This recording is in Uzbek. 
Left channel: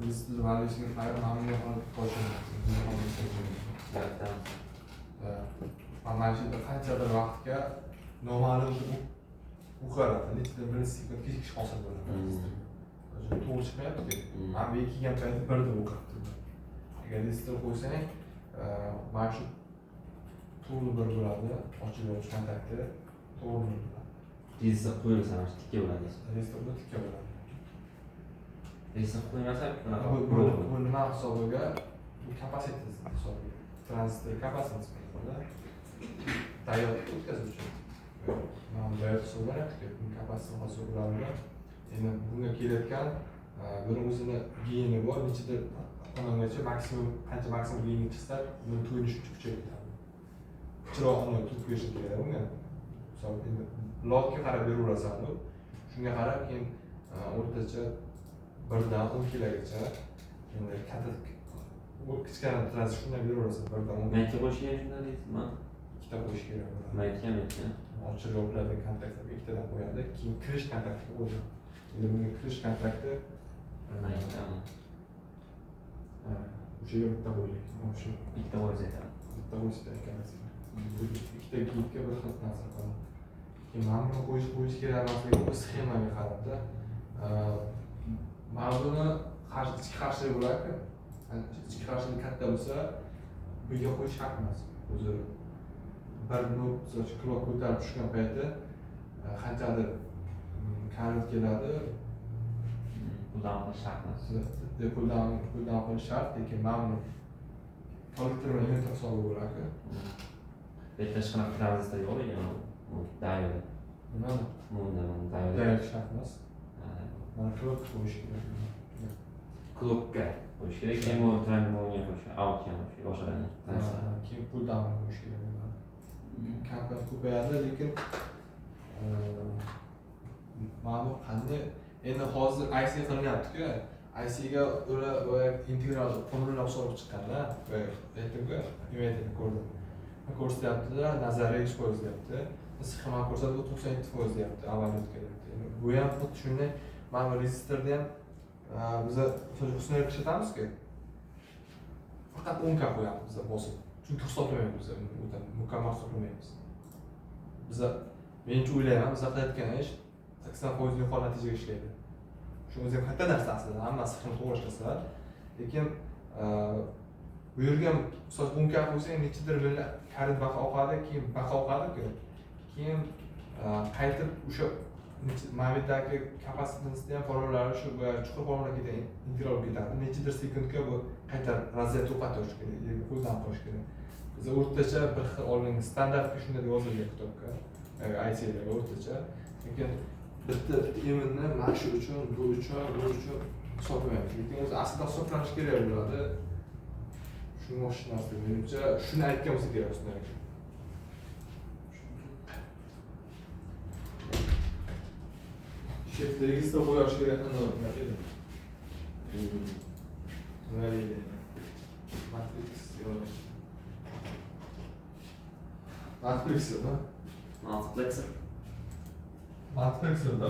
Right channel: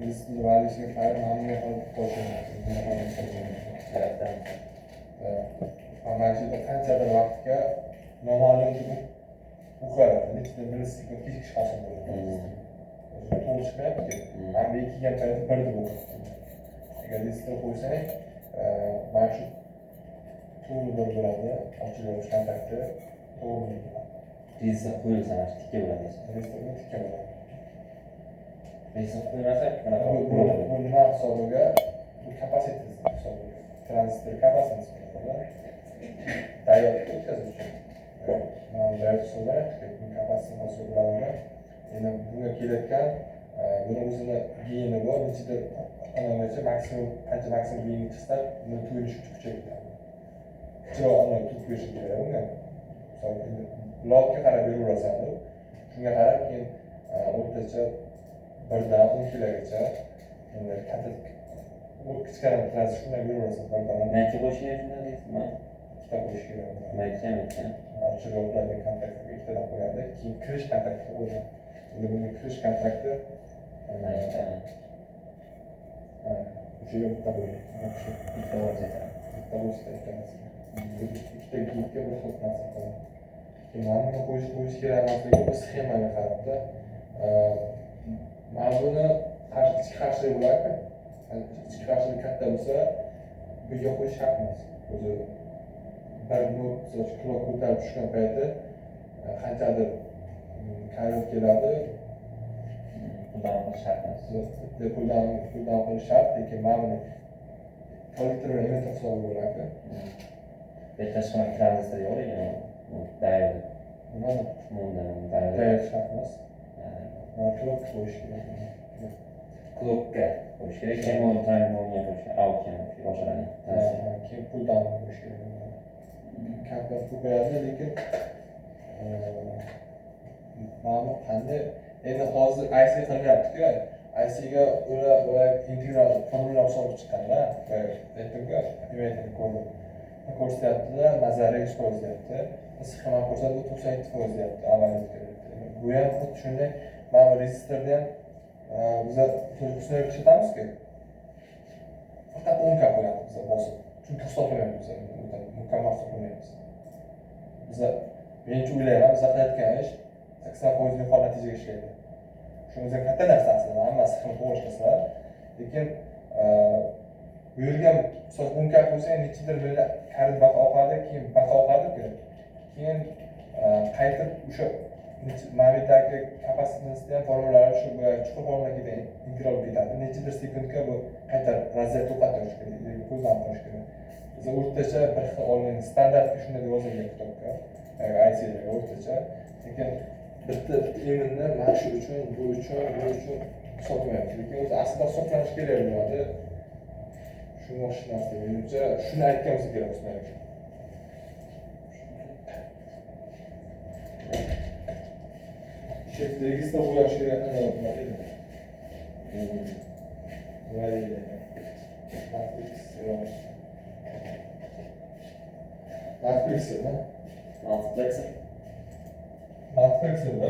Register validation file namni qolib qo'yishadi. Mana qanchadir vaqtga noma'lum o'qiladi. Lekin birinchi sekund kechikish hosil bo'ladi. To'g'ri chiqmayapti. Mana bu kelgan paytda bir deb o'qiyapti. Agar register qo'ysang, mana shu to'g'ri bir bo'ladi. Ochiluvchi kontakti to'g'ri bo'ladi. Register qo'yilsa tikka bo'ladi. Registerda tikka bo'ladi. Register qo'yilmasa qanaqa bo'ladi? Bu nima hisobiga? Bu kapasiteti hisobiga. Tranzistor kapasitesi bo'ladi. Diodni o'tkazish uchun. Mana diod hisoblanadi. Bu kapasiteti hisoblanadi. Endi bunga kelayotgan buni o'zini geyni bor, nechidir anagacha maksimum qancha maksimum geyni chiqsa, buni to'yinish uchun kuchaytiradi. Kuchroq anaga turib berish kerak unga. Misol endi lotga qarab beraverasan u. Shunga qarab keyin o'rtacha 1 dan 10 kilogacha endi katta kichkina tranzistorlar beraverasan. 1 dan 10. Mayka qo'yish kerak shunda deysizmi? Ikkita qo'yish kerak. Mayka. Ochiq yo'llarga kontaktga ikkitadan qo'yadi, keyin kirish kontaktiga qo'yadi. Endi bunga kirish kontrakti mayka. O'sha yerga bitta qo'ying. O'sha Bitta bo'lsa ikkalasi. Ikkita gigga bir xil narsa qiladi. Keyin mana buni qo'yish kerak emasligi bu sxemaga qarabda. Mana buni ichki qarshilik bo'ladi. Ichki qarshilik katta bo'lsa, bunga qo'yish shart emas. O'zi bir minut klok ko'tarib tushgan payti qanchadir karvit keladi. Puldan olish shart emas. Puldan olish shart, lekin mana buni kollektor va emitter hisobi bo'ladi. Tashqari tranzistor yo'q ekan. Diod. Nimani? Diod shart emas. Mana klok qo'yish kerak. Klokka qo'yish kerak. Keyin uni timerga qo'yish, outga qo'yish, boshqalarni. Keyin puldan qo'yish kerak. Kompakt ko'payadi, lekin ma'lum qanday endi hozir IC qilinyapti-ku. IC ga ular integral formula hisobi chiqqanda, aytdim-ku, inverterni ko'rdim. Ko'rsatyapti-da, nazariy 100% deyapti. Sxema ko'rsatib 97% deyapti, avvalgi deyapti. Bu ham xuddi shunday, mana registrda ham biz husnli ishlatamiz-ku. Faqat 10 ka qo'yamiz biz bosib. Chunki hisoblamaymiz biz, mukammal hisoblamaymiz. Biz menimcha o'ylayman, biz qilayotgan ish 80% yuqori natijaga ishlaydi. Shu o'zi katta narsa aslida, hammasi to'g'ri ishlasa, lekin bu yerga misol 10 ka qo'ysang, nechidir milliard karit baqa oqadi, keyin baqa oqadi-ku. Keyin qaytib o'sha mavjudagi kapasitensni ham formulari shu chuqur formulaga integral bo'lib ketadi. Nechidir sekundga bu qayta razryad to'xtatish kerak, qo'ldan qo'yish kerak. Biz o'rtacha bir xil olingan standart shunday deb yozilgan kitobga, IC'larga o'rtacha. Lekin bitta eminni mana shu uchun, bu uchun hisoblaymiz. Lekin o'zi aslida hisoblanish kerak bo'ladi. Shuni o'xshamasdi. Menimcha shuni aytgan bo'lsa kerak sizlarga. Şekilde register qo'yish kerak qanday bo'ladi? Valide. Matrix. Multiplexer, da? Multiplexer. Multiplexer, da?